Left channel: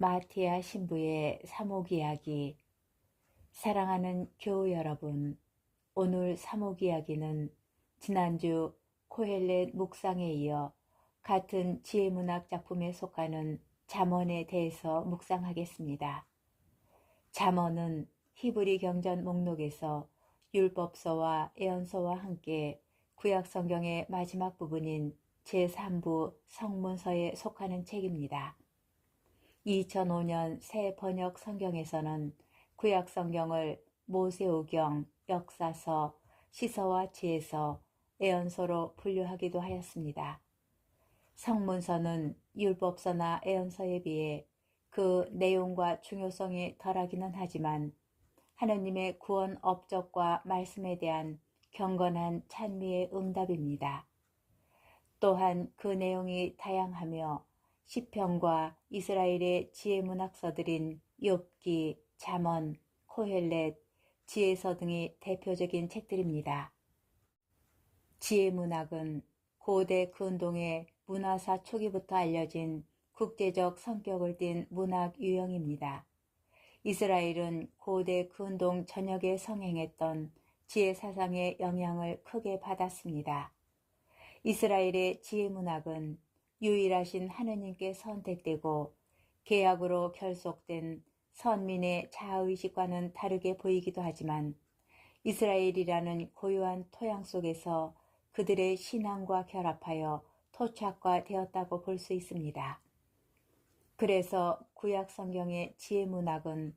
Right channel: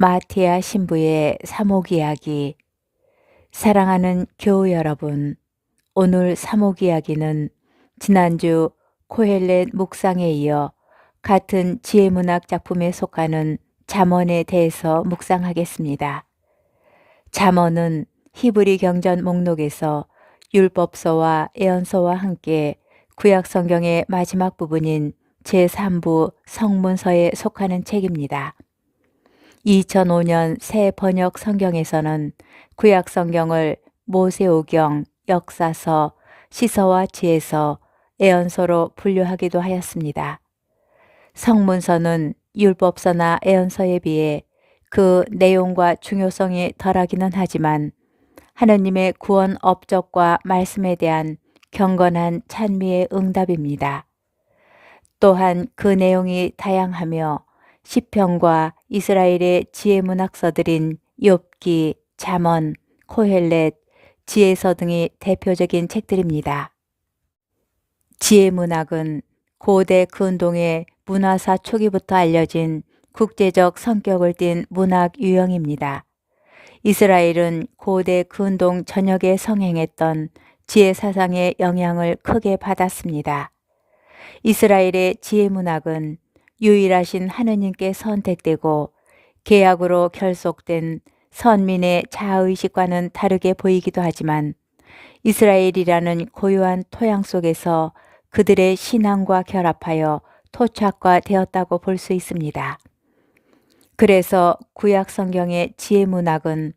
마티아 신부의 사목 이야기. 사랑하는 교우 여러분, 오늘 사목 이야기는 지난주 코헬렛 묵상에 이어 같은 지혜문학 작품에 속하는 잠언에 대해서 묵상하겠습니다. 잠언은 히브리 경전 목록에서 율법서와 예언서와 함께 구약 성경의 마지막 부분인 제3부 성문서에 속하는 책입니다. 2005년 새 번역 성경에서는 구약 성경을 모세오경, 역사서, 시서와 지혜서, 예언서로 분류하기도 하였습니다. 성문서는 율법서나 예언서에 비해 그 내용과 중요성이 덜하기는 하지만 하느님의 구원 업적과 말씀에 대한 경건한 찬미의 응답입니다. 또한 그 내용이 다양하며 시편과 이스라엘의 지혜 문학서들인 욥기, 잠언, 코헬렛, 지혜서 등이 대표적인 책들입니다. 지혜 문학은 고대 근동의 문화사 초기부터 알려진 국제적 성격을 띤 문학 유형입니다. 이스라엘은 고대 근동 전역에 성행했던 지혜 사상의 영향을 크게 받았습니다. 이스라엘의 지혜 문학은 유일하신 하느님께 선택되고 계약으로 결속된 선민의 자아의식과는 다르게 보이기도 하지만 이스라엘이라는 고유한 토양 속에서 그들의 신앙과 결합하여 토착화되었다고 볼 수 있습니다. 그래서 구약 성경의 지혜 문학은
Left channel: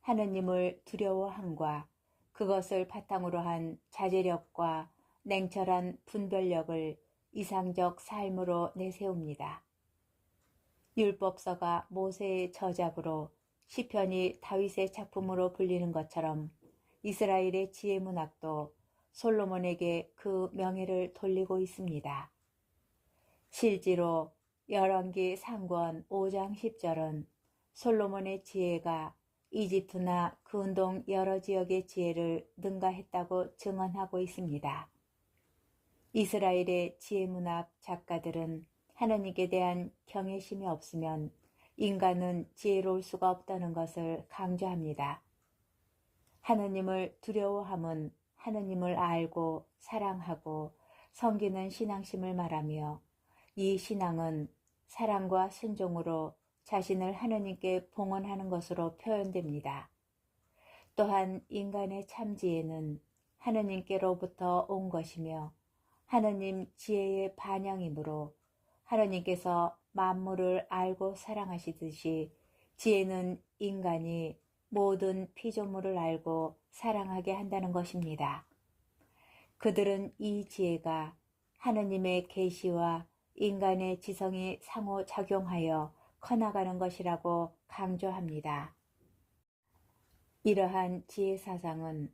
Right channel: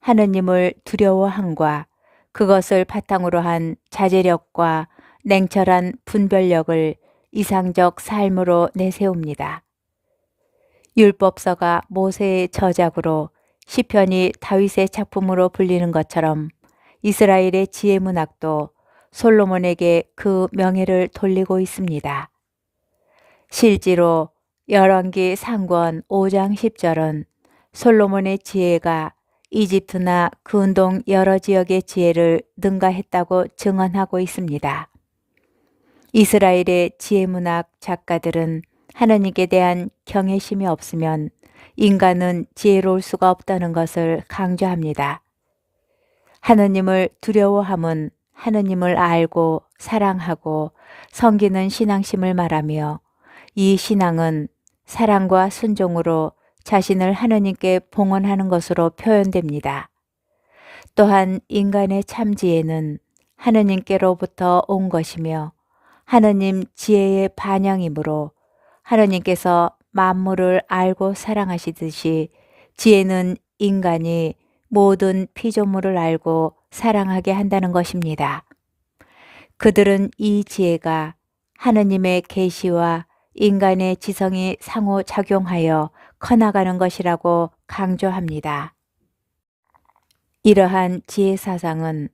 하느님을 두려워함과 그것을 바탕으로 한 자제력과 냉철한 분별력을 이상적 삶으로 내세웁니다. 율법서가 모세의 저작으로 시편이 다윗의 작품으로 불리는 것처럼 이스라엘의 지혜 문학도 솔로몬에게 그 명예를 돌리고 있습니다. 실제로 열왕기 상권 5장 10절은 솔로몬의 지혜가 이집트나 근동 여러 지역의 지혜를 능가했다고 증언하고 있습니다. 이스라엘의 지혜문학 작가들은 하느님께 대한 경외심이 없으면 인간은 지혜로울 수가 없다는 것을 강조합니다. 하느님을 두려워함은 하느님을 알고 사랑하고 섬기는 신앙심을 말하며 이 신앙은 사랑과 순종으로 자신을 하느님께 봉헌하는 것으로 표현됩니다. 또한 인간의 참 지혜는 하느님께로부터 온 것이며 하느님 지혜의 반영이므로 하느님께서 만물을 알고 사랑하시듯이 지혜는 인간이 모든 피조물을 알고 사랑하게 한다는 것입니다. 그들은 이 지혜가 하느님의 계시와 인간의 지성이 상호작용하여 커나가는 것이라고 강조합니다. 이러한 지혜 사상은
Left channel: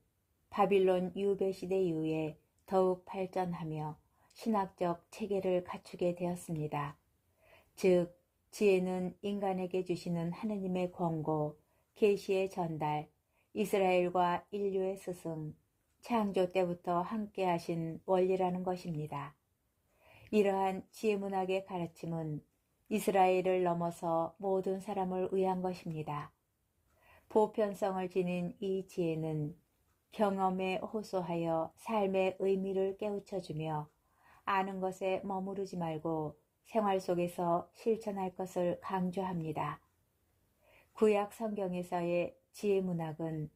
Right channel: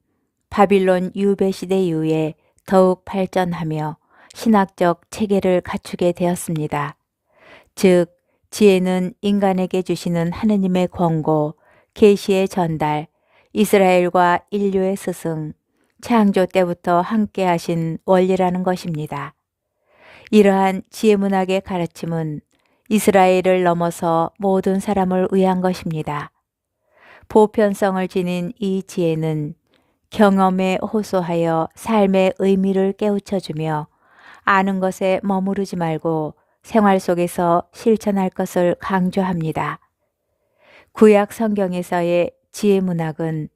바빌론 유배 시대 이후에 더욱 발전하며 신학적 체계를 갖추게 되었습니다. 즉, 지혜는 인간에게 주시는 하느님의 권고, 계시의 전달, 이스라엘과 인류의 스승, 창조 때부터 함께 하신 원리라는 것입니다. 이러한 지혜문학의 가르침은 이스라엘을 넘어서 모든 사람을 위한 것입니다. 보편성을 지닌 이 지혜는 경험에 호소하여 삶의 의미를 깨우쳐주며 아는 것에 머무르지 말고 생활 속에서 실천할 것을 강조합니다. 구약 성경에서의 지혜 문학은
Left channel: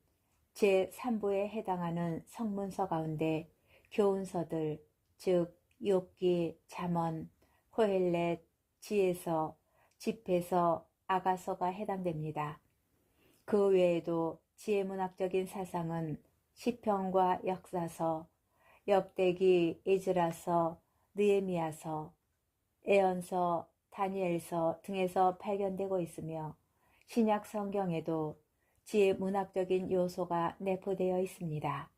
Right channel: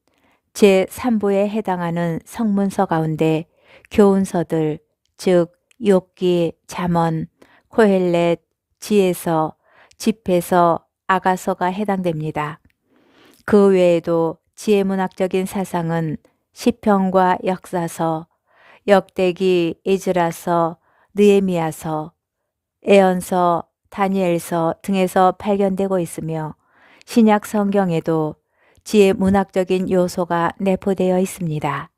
제3부에 해당하는 성문서 가운데 교훈서들, 즉 욥기, 잠언, 코헬렛, 지혜서, 집회서, 아가서가 해당됩니다. 그 외에도 지혜문학적인 사상은 시편과 역사서, 역대기, 에즈라서, 느헤미야서, 예언서, 다니엘서 등에서 발견되고 있으며 신약 성경에도 지혜문학적인 요소가 내포되어 있습니다.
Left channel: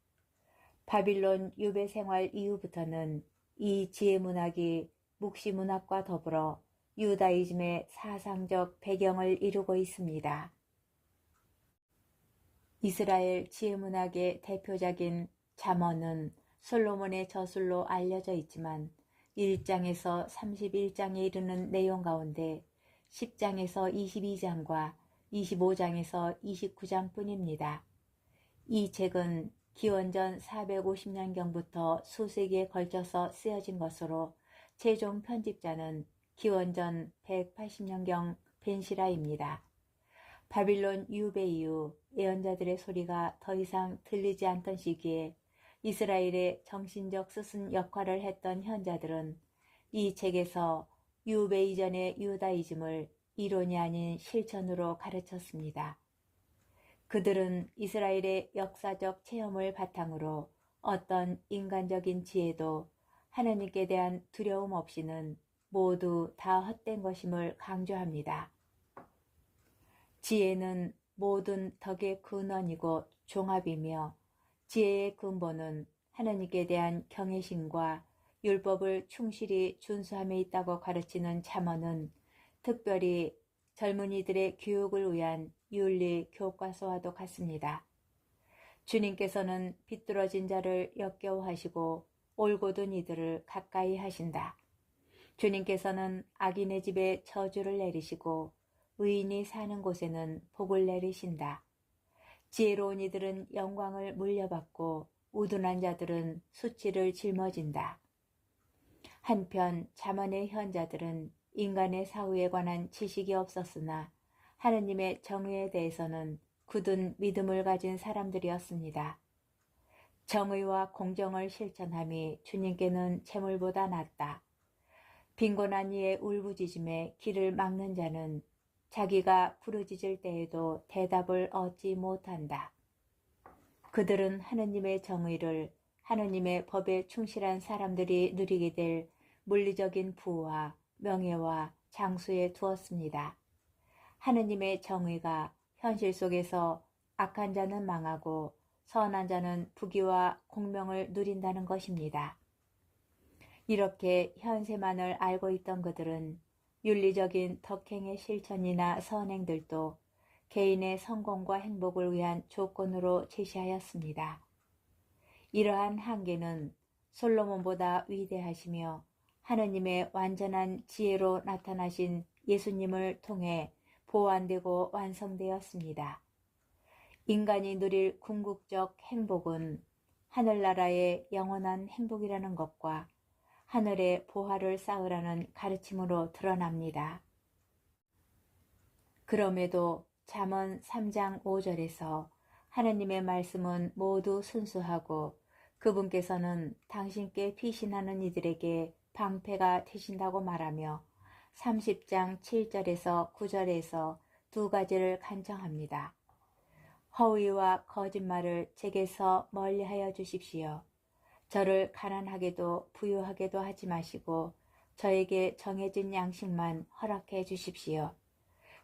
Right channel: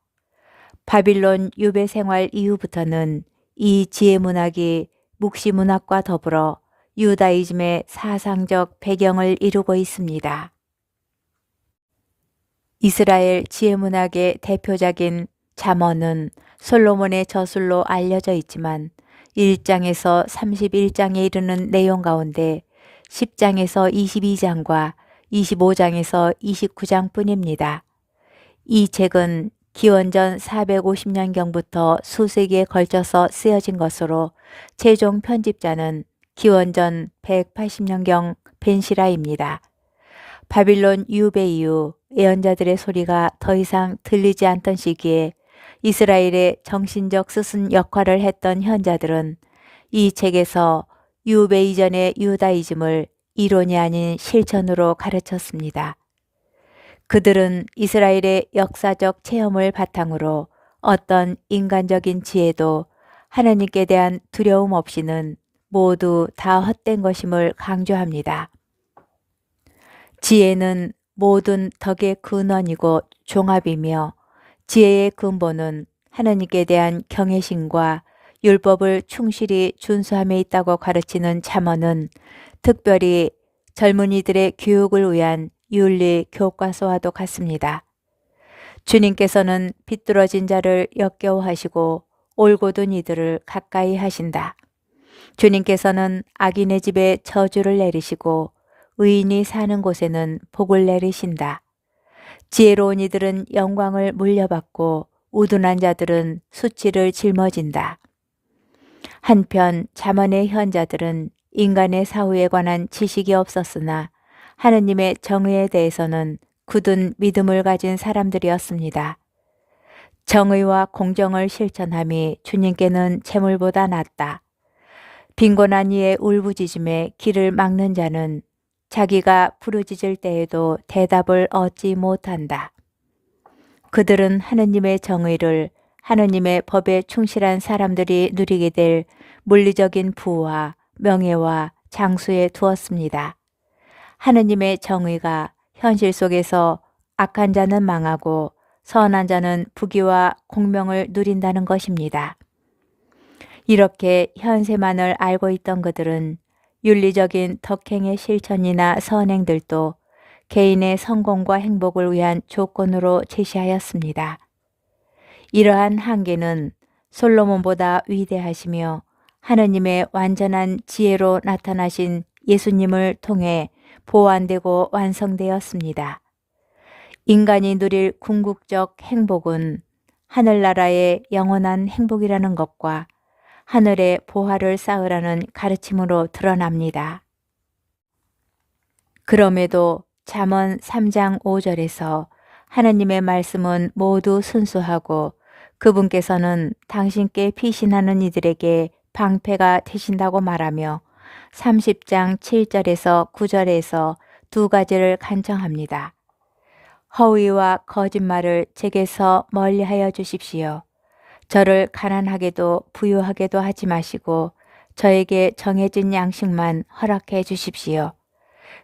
바빌론 유배 생활 이후부터는 이 지혜문학이 묵시문학과 더불어 유다이즘의 사상적 배경을 이루고 있습니다. 이스라엘 지혜문학의 대표작인 잠언은 솔로몬의 저술로 알려져 있지만 1장에서 31장에 이르는 내용 가운데 10장에서 22장과 25장에서 29장 뿐입니다. 이 책은 기원전 450년경부터 수세기에 걸쳐서 쓰여진 것으로 최종 편집자는 기원전 180년경 벤시라입니다. 바빌론 유배 이후 예언자들의 소리가 더 이상 들리지 않던 시기에 이스라엘의 정신적 스승 역할을 했던 현자들은 이 책에서 유배 이전의 유다이즘을 이론이 아닌 실천으로 가르쳤습니다. 그들은 이스라엘의 역사적 체험을 바탕으로 어떤 인간적인 지혜도 하나님께 대한 두려움 없이는 모두 다 헛된 것임을 강조합니다. 지혜는 모든 덕의 근원이고 종합이며 지혜의 근본은 하나님께 대한 경외심과 율법을 충실히 준수함에 있다고 가르치는 잠언은 특별히 젊은이들의 교육을 위한 윤리 교과서와도 같습니다. 주님께서는 비뚤어진 자를 역겨워하시고 올곧은 이들을 가까이 하신다. 주님께서는 악인의 집에 저주를 내리시고 의인이 사는 곳에는 복을 내리신다. 지혜로운 이들은 영광을 물려받고 우둔한 자들은 수치를 짊어진다. 한편 잠언의 현자들은 인간의 사후에 관한 지식이 없었으나 하느님의 정의에 대해서는 굳은 믿음을 가진 사람들이었습니다. 정의와 공정을 실천함이 주님께는 재물보다 낫다. 빈곤한 이의 울부짖음에 길을 막는 자는 자기가 부르짖을 때에도 대답을 얻지 못한다. 그들은 하느님의 정의를 하느님의 법에 충실한 사람들이 누리게 될 물리적인 부와 명예와 장수에 두었습니다. 하느님의 정의가 현실 속에서 악한 자는 망하고 선한 자는 부귀와 공명을 누린다는 것입니다. 이렇게 현세만을 알고 있던 그들은 윤리적인 덕행의 실천이나 선행들도 개인의 성공과 행복을 위한 조건으로 제시하였습니다. 이러한 한계는 솔로몬보다 위대하시며 하느님의 완전한 지혜로 나타나신 예수님을 통해 보완되고 완성되었습니다. 인간이 누릴 궁극적 행복은 하늘나라의 영원한 행복이라는 것과 하늘의 보화를 쌓으라는 가르침으로 드러납니다. 그럼에도 잠언 3장 5절에서 하느님의 말씀은 모두 순수하고 그분께서는 당신께 피신하는 이들에게 방패가 되신다고 말하며 30장 7절에서 9절에서 두 가지를 간청합니다. 허위와 거짓말을 제게서 멀리하여 주십시오. 저를 가난하게도 부유하게도 하지 마시고 저에게 정해진 양식만 허락해 주십시오.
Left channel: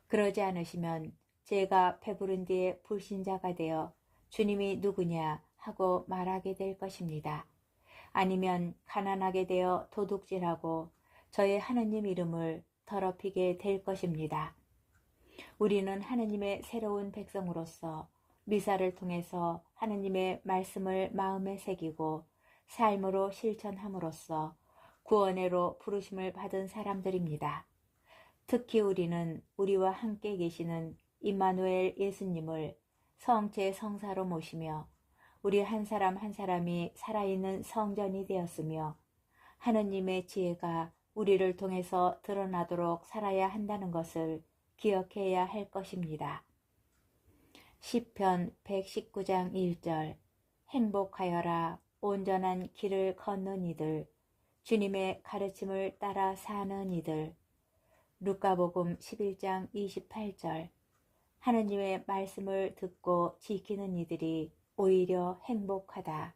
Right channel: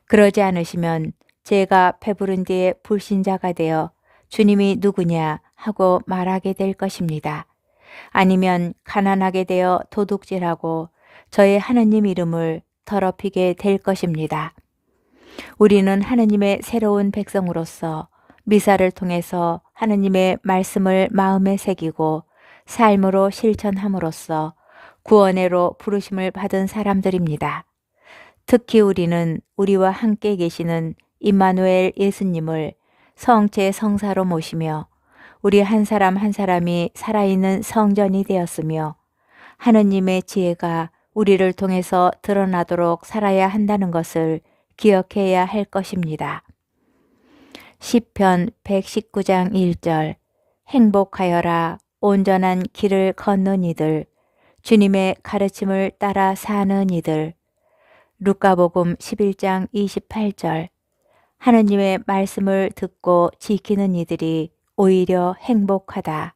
그러지 않으시면 제가 배부른 뒤에 불신자가 되어 주님이 누구냐 하고 말하게 될 것입니다. 아니면 가난하게 되어 도둑질하고 저의 하느님 이름을 더럽히게 될 것입니다. 우리는 하느님의 새로운 백성으로서 미사를 통해서 하느님의 말씀을 마음에 새기고 삶으로 실천함으로써 구원회로 부르심을 받은 사람들입니다. 특히 우리는 우리와 함께 계시는 임마누엘 예수님을 성체 성사로 모시며 우리 한 사람 한 사람이 살아있는 성전이 되었으며 하느님의 지혜가 우리를 통해서 드러나도록 살아야 한다는 것을 기억해야 할 것입니다. 시편 119장 1절 행복하여라 온전한 길을 걷는 이들 주님의 가르침을 따라 사는 이들 루카복음 11장 28절 하느님의 말씀을 듣고 지키는 이들이 오히려 행복하다.